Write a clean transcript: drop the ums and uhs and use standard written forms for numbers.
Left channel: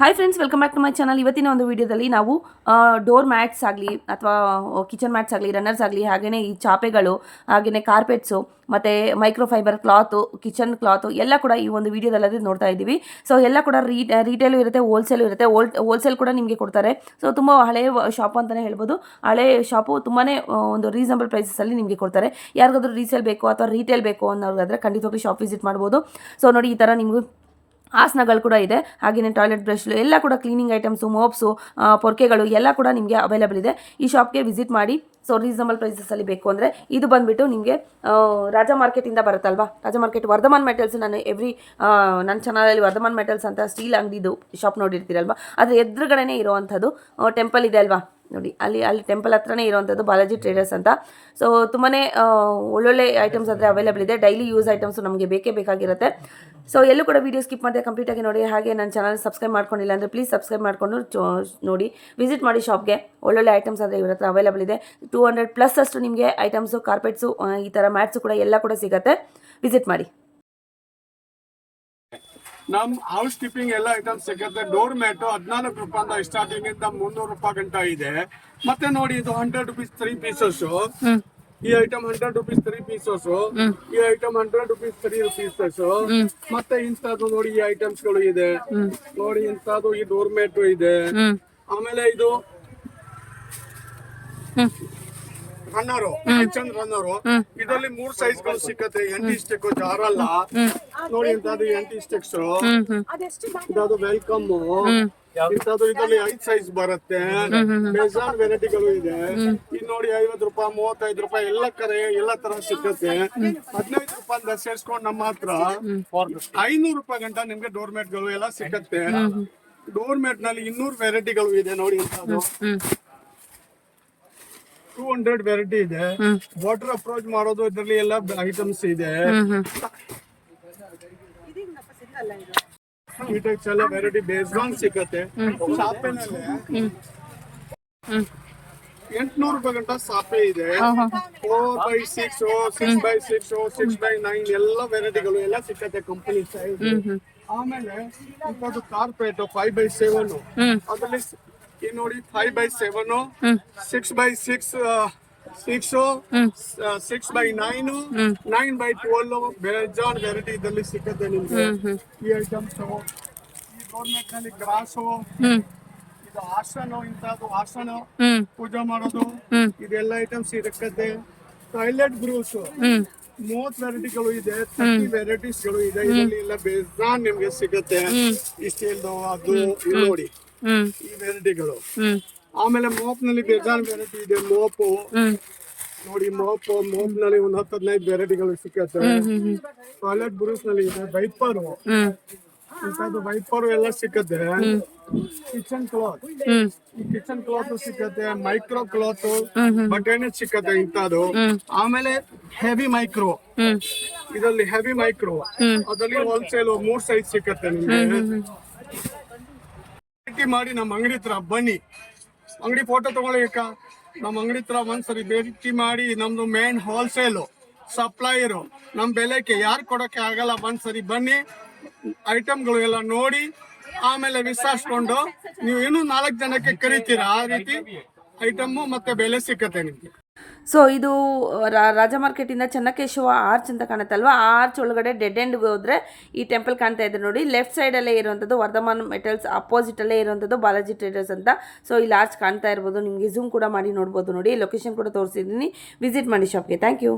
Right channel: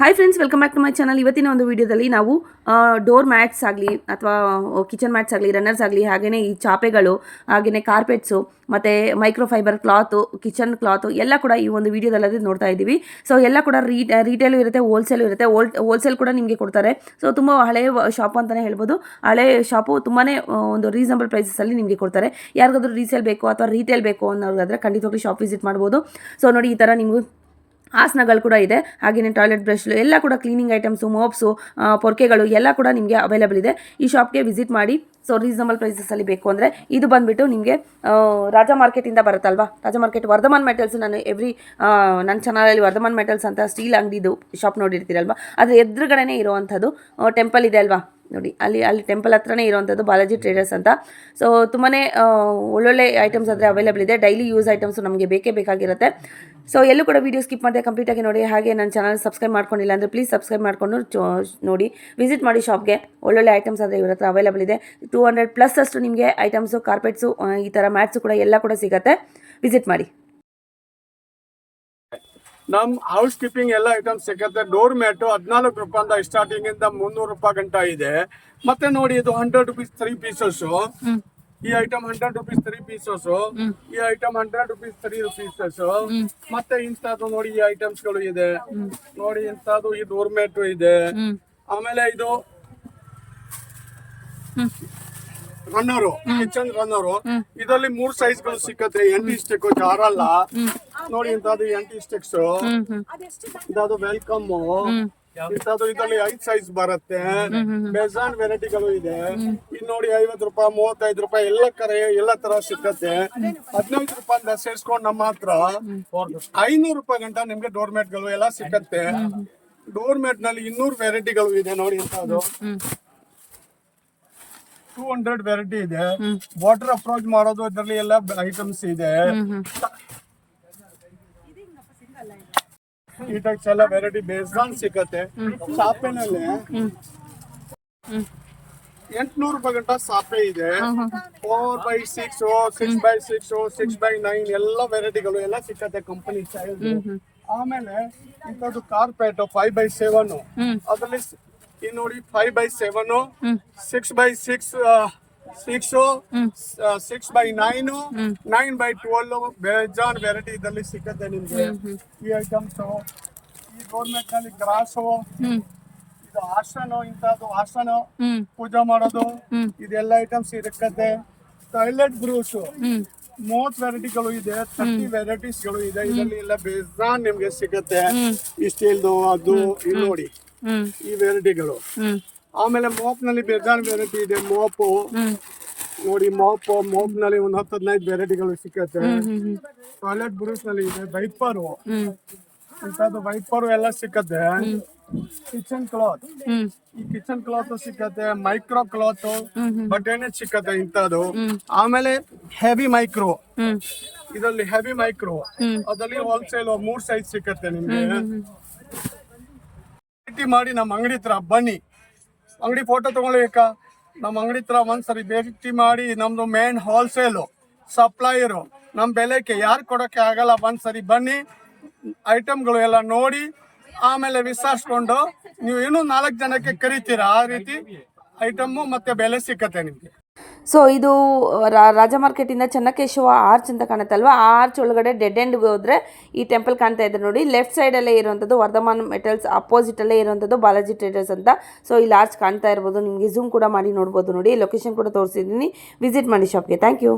Hi friends, welcome back to my channel. ಇವತ್ತಿನ ಒಂದು ವಿಡಿಯೋದಲ್ಲಿ ನಾವು ಡೋರ್ ಮ್ಯಾಟ್ಸ್ ಆಗಲಿ ಅಥವಾ ಕಿಚನ್ ಮ್ಯಾಟ್ಸ್ ಆಗಲಿ, ರನ್ನರ್ಸ್ ಆಗಲಿ, ಹಾಗೆಯೇ ಈ ಚಾಪೆಗಳು, ಹಾಗೆಯೇ ಕಾರ್ಪೆಟ್ಸು ಮತ್ತು ಮೈಕ್ರೋಫೈಬರ್ ಕ್ಲಾತು, ಕಿಚನ್ ಕ್ಲಾತು ಎಲ್ಲ ಕೂಡ ಈ ಒಂದು ವಿಡಿಯೋದಲ್ಲಿ ನೋಡ್ತಾ ಇದ್ದೀವಿ. ಸೊ ಎಲ್ಲ ಕೂಡ ರೀಟೇಲು ಇರುತ್ತೆ, ಹೋಲ್ಸೇಲು ಇರುತ್ತೆ. ಹೋಲ್ಸೇಲ್ ಕೂಡ ನಿಮಗೆ ಕೊಡ್ತಾರೆ. ಸೊ ತುಂಬ ಹಳೆಯ ಶಾಪು ಅಂತಲೇ ಹೇಳ್ಬೋದು. ಹಳೆ ಶಾಪು ತುಂಬಾ ಒಂದು ರೀಸನಬಲ್ ಪ್ರೈಸಸಲ್ಲಿ ನಿಮಗೆ ಕೊಡ್ತಾರೆ. ಯಾರಿಗಾದ್ರೂ ರೀಸೇಲ್ ಬೇಕು ಅಥವಾ ರೀಟೇಲ್ ಬೇಕು ಅನ್ನೋದಾದರೆ ಖಂಡಿತವಾಗ್ಲೂ ಶಾಪ್ ವಿಸಿಟ್ ಮಾಡ್ಬೋದು. ಸೊ ನೋಡಿ, ಈ ಥರ ನಿಮಗೂ ಆಸನಗಳು ಕೂಡ ಇದೆ. ಹಾಗೆಯೇ ಟಾಯ್ಲೆಟ್ ಬ್ರಷ್ಲು ಎಲ್ಲ ಕೂಡ ಕ್ಲೀನಿಂಗ್ ಐಟಮ್ಸು, ಮೋಪ್ಸು, ಪೊರ್ಕೆಗಳು ಎಲ್ಲ ಕೂಡ ನಿಮಗೆ ಅವೈಲೇಬಲ್ ಇದೆ. ಈ ಶಾಪ್ಗೆ ವಿಸಿಟ್ ಮಾಡಿ. ಸೊ ರೀಸನಬಲ್ ಪ್ರೈಸಸಲ್ಲಿ ಬೇಕು ಅಂದರೆ ಇದು ಬಂದುಬಿಟ್ಟು ನಿಮಗೆ ರಾಜಾ ಮಾರ್ಕೆಟಿಂದ ಬರುತ್ತಲ್ವಾ, ರಾಜಾ ಮಾರ್ಕೆಟ್ ವರ್ಧಮಾನ್ ಮೆಟಲ್ಸ್. ನಾನು ನನ್ನ ಚಾನಲಲ್ಲಿ ವರ್ಧಮಾನ್ ಮೆಟಲ್ಸ್ ಅಂತ ಸ್ಟೀಲ್ ಅಂಗಡಿದು ಶಾಪ್ ನೋಡಿರ್ತೀರಲ್ವ, ಅದ್ರ ಎದುರುಗಡೆನೇ ಇರುವಂಥದ್ದು ಟೆಂಪಲ್ ಇದೆ ಅಲ್ವಾ ನೋಡಿ, ಅಲ್ಲಿ ಟೆಂಪಲ್ ಹತ್ರನೇ ಇರುವಂಥದ್ದು ಬಾಲಾಜಿ ಟ್ರೇಡರ್ಸ್ ಅಂತ. ಸೊ ತುಂಬಾ ಒಳ್ಳೊಳ್ಳೆ ಐಟಮ್ಸ್ ಆದರೆ ಅವೈಲೇಬಲ್ ಇದೆ. ಡೈಲಿ ಯೂಸ್ ಐಟಮ್ಸು ನಮಗೆ ಬೇಕೇ ಬೇಕಾಗಿರುತ್ತೆ. ಸೊ ಎಲ್ಲೂ ಕೂಡ ವೀಡಿಯೋ ಸ್ಕಿಪ್ ಮಾಡಿದೆ ಕಂಪ್ಲೀಟಾಗಿ ನೋಡಿ. ಹಾಗೆ ನನ್ನ ಚಾನಲ್ ಸಬ್ಸ್ಕ್ರೈಬ್ ಮಾಡ್ಕೊಂಡಿಲ್ಲ ಅಂದರೆ ಪ್ಲೀಸ್ ಸಬ್ಸ್ಕ್ರೈಬ್ ಮಾಡಿಕೊಂಡು ನೋಡಿ, ವಿಸಿಟ್ ಮಾಡಿ ಶಾಪ್ಗೆ. ಒಳ್ಳೊಳ್ಳೆ ಐಟಮ್ಸ್ ಆದರೆ ಇವ್ರ ಹತ್ರ ಅವೈಲೇಬಲ್ ಇದೆ. 200+ ಅಷ್ಟು ನಿಮಗೆ ಐಟಮ್ಸು, ಕಾರ್ಪೆಟ್ಸು, ಈ ಥರ ಮ್ಯಾಟ್ಸು ಕೂಡ ಎಲ್ಲ ಕೂಡ ಸಿಗುತ್ತೆ. ವಿಸಿಟ್ ಮಾಡಿ. ನಮ್ ಹೌಸ್ ಕೀಪಿಂಗ್ ಎಲ್ಲ ಐಟಮ್ಸ್ ಸಿಗುತ್ತೆ. ಡೋರ್ ಮ್ಯಾಟ್ 14 ರೂಪಾಯಿಂದ ಸ್ಟಾರ್ಟಿಂಗ್ ಇಂದ 300 ರೂಪಾಯಿ ಗಂಟ ಇದೆ. ಮತ್ತೆ ನೋಡಿ, ಇದು 100 ರೂಪೀಸ್ 3 ಪೀಸಸ್. ಈ ಐಟಮ್ 100 ರೂಪೀಸ್ 3 ಪೀಸಸ್. ಈ ಐಟಮ್ 100 ರೂಪೀಸ್ 3 ಪೀಸಸ್. ಮತ್ತೆ ಇಂಥದ್ದು ನೋಡಿ, ಈ ಐಟಮ್ಸ್ ಗಳು ಇದೆ ನೋಡಿ. ಇಂಥದ್ದು ಈ ಡೋರ್ ಮ್ಯಾಟ್ ಇದೆ. ಆಮೇಲೆ ಇದು ರನ್ನರು, ಕಿಚನ್ ರನ್ನರು. ಇದರಲ್ಲಿ 3 ಸೈಜ್ ಗಳು ಸಿಕ್ಕತ್ತೆ. ಎಂಟಿ ಸ್ಟಿಕ್ ಜಾರಲ್ಲ ನೋಡಿ. ಇಂಥದ್ದು ಎಂಟಿ ಸ್ಟಿಕ್ಸ್, ಇದಾದ್ರು ವೆಲ್ಕಮ್. ಇಂಥದ್ದು ಇದರಲ್ಲಿ 5 ಸೈಜ್ ಬರುತ್ತೆ. ಬೇಜಾನ್ ವೆರೈಟಿಗಳು ಇದೆ. ಇದು ನೋಡಿ, 50 ರೂಪಾಯಿ, 35 ರೂಪಾಯಿ ಎಲ್ಲ ತರ ಸಿಕ್ಕತ್ತೆ. 15 ರೂಪಾಯಿ ಸೇರ್ಸ್ಕೊಂಡು ನಮ್ಮ ಹತ್ರ 500 ರೂಪಾಯಿ ಗಂಟ ನಿಮ್ಗೆ ಡೋರ್ ಮ್ಯಾಟ್ ಗಳು ಎಲ್ಲ ಸಿಕ್ಕತ್ತೆ. ಡೋರ್ ಮ್ಯಾಟ್ ನಲ್ಲಿ 200 ವೆರೈಟಿಗಳು ಇದೆ ನೋಡಿ. ಇಂಥದ್ದು 200 ವೆರೈಟಿ ಇದೆ. ವಾಟರ್ ಅಪ್ರೋಚ್ ಮಾಡೋದು ಇದರಲ್ಲಿ ಎಲ್ಲ ಐಟಮ್ಸ್ ಇದೆ. ಈ ಟೈಪ್ಸ್ ಎಲ್ಲ ವೆರೈಟಿ ಬೇಸ್ಗಾನ್ ಸಿಕ್ಕತ್ತೆ. ಸಾಪೆನಲ್ಲಿ 800 ರೂಪಾಯಿ ಗಂಟ ಸಾಪೆ ಇದೆ. 4x6, 6x6, 6x9 ಎಲ್ಲ ವೆರೈಟಿಗಳು ಎಲ್ಲ ಸಿಕ್ಕತ್ತೆ ಕಂಪನಿ ಸೈಜ್. ಆಮೇಲೆ ಇಂಥದ್ದು ಕಾರ್ಪೆಟ್ 5x7 ಅದರಲ್ಲಿ ಈ ನೋಡಿ 5x7, 6x6, 6x9, 9x12 ಬೇಜಾನ್ ವೆರೈಟಿ ಇದರಲ್ಲಿ ಸಿಕ್ಕತ್ತೆ ನಿಮ್ಗೆ. ಈ ಐಟಮ್ಸ್ ಈ ಗೌರ್ಮೆಂಟ್ ನಲ್ಲಿ ಗ್ರಾಸು, ಇದು ಆಸನ, ಇಂಥದ್ದು ಆಸನ ಪೂಜೆ ಮಾಡೋದು, ಇದೆಲ್ಲ ಐಟಮ್ಸ್ ಸಿಕ್ಕತ್ತೆ. ಟಾಯ್ಲೆಟ್ ಬ್ರೂಸ್ 30 ವೆರೈಟಿಗಳು ಇದೆ. 30 ವೆರೈಟೀಸ್ ಗಳು ಇದೆ. ಇದರಲ್ಲಿ ಎಲ್ಲ ಬೇಜಾನ್ ನಿಮ್ಗೆ ಸಿಗತ್ತೆ. ಈ ಸ್ಟೀಲ್ದು ಅದು ಇದು ನೋಡಿ, ಈ ವೆರೈಟಿಗಳು. ಆಮೇಲೆ ಮೋಪ್ ನಲ್ಲಿ ಬೇಜಾನ್ ವೆರೈಟಿ ಇದೆ. ಮೋಪ್ ನೋಡಿ, ಮೋಪ್ ನಲ್ಲಿ ಒಂದು 10-15 ವೆರೈಟಿಗಳು ಸಿಕ್ಕತ್ತೆ. ಟಾಯ್ಲೆಟ್ ಬ್ರೂಸ್ ನಲ್ಲಿ ಇದೆ. ವೈಪರು, ಇಂಥದ್ದು ವೈಪರು ಎಲ್ಲ ಸಿಕ್ಕತ್ತೆ. ಕಿಚನ್ ಕ್ಲಾತ್, ಈ ಕಿಚನ್ ಕ್ಲಾತ್ ಸಿಕ್ಕತ್ತೆ. ಮೈಕ್ರೋ ಕ್ಲಾತ್ ಬಟ್ಟೆನೆ ಸಿಕ್ಕತ್ತೆ ಇಂಥದ್ದು. ಆಮೇಲೆ ಹೆವಿ ಮೈಕ್ರೋ, ಇದರಲ್ಲಿ ಹೆವಿ ಮೈಕ್ರೋ ಅದರಲ್ಲಿ ಹೋಲ್ಸೇಲ್ 3 ಸೈಜ್ ಸಿಕ್ಕತ್ತೆ ನಿಮ್ಗೆ. ಮಾಡಿ ನಮ್ಮ ಅಂಗಡಿ ಹತ್ರ ಬನ್ನಿ. ಅಂಗಡಿ ಫೋಟೋ ತಗೊಳ್ಳಿಕ ನಮ್ಮ ಅಂಗಡಿ ಹತ್ರ ಒಂದ್ಸರಿ ಭೇಟಿ ಮಾಡಿ. ನಮ್ದು ಮೇನ್ ಹೋಲ್ಸೇಲು ಸಪ್ಲೈಯರು. ನಮ್ಮ ಬೆಲೆಗೆ ಯಾರು ಕೊಡೋಕೆ ಆಗಲ್ಲ. ಒಂದ್ಸರಿ ಬನ್ನಿ, ಐಟಮ್ಗಳು ಎಲ್ಲ ನೋಡಿ, ಆಮೇಲೆ ವಿಚಾರಿಸ್ಕೊಂಡು ನೀವು ಇನ್ನೂ 4 ಜನಕ್ಕೆ ಕರಿತೀರಾ. ಆ ರೀತಿ ಐಟಮ್ಮು ಮತ್ತೆ ಬೆಲೆ ಸಿಕ್ಕತ್ತೆ ನಿಮ್ಗೆ. ಸೊ ಇದು ರಾಜಾ ಮಾರ್ಕೆಟಿಂದ ಚೆನ್ನಕೇಶವ ಆರ್ಚ್ ಅಂತ ಕಾಣುತ್ತಲ್ವ, ಆ ಆರ್ಚ್ ಒಳಗಡೆ ಡೆಡ್ ಎಂಡ್ಗೆ ಹೋದರೆ ಈ ಟೆಂಪಲ್ ಕಾಣ್ತಾ ಇದೆ ನೋಡಿ. ಲೆಫ್ಟ್ ಸೈಡಲ್ಲೇ ಇರುವಂಥದ್ದು ವರ್ಧಮಾನ್ ಮೆಟಲ್ಸ್, ಅಪೋಸಿಟಲ್ಲೇ ಇರುವಂಥದ್ದು ಬಾಲಾಜಿ ಟ್ರೇಡರ್ಸ್ ಅಂತ. ಸೊ ಇಲ್ಲಿ ಆರ್ಚ್ ಕಾಣ್ತಾ ಇರ್ಬೋದು, ನಿಮಗೆ ಝೂಮ್ ಕೂಡ ಮಾಡಿ ನೋಡ್ಬೋದು ನೋಡಿ. ಲೊಕೇಶನ್ ಕೂಡ ತೋರಿಸಿದ್ದೀನಿ. ವಿಸಿಟ್ ಮಾಡಿ ಶಾಪ್ಗೆ. Thank you.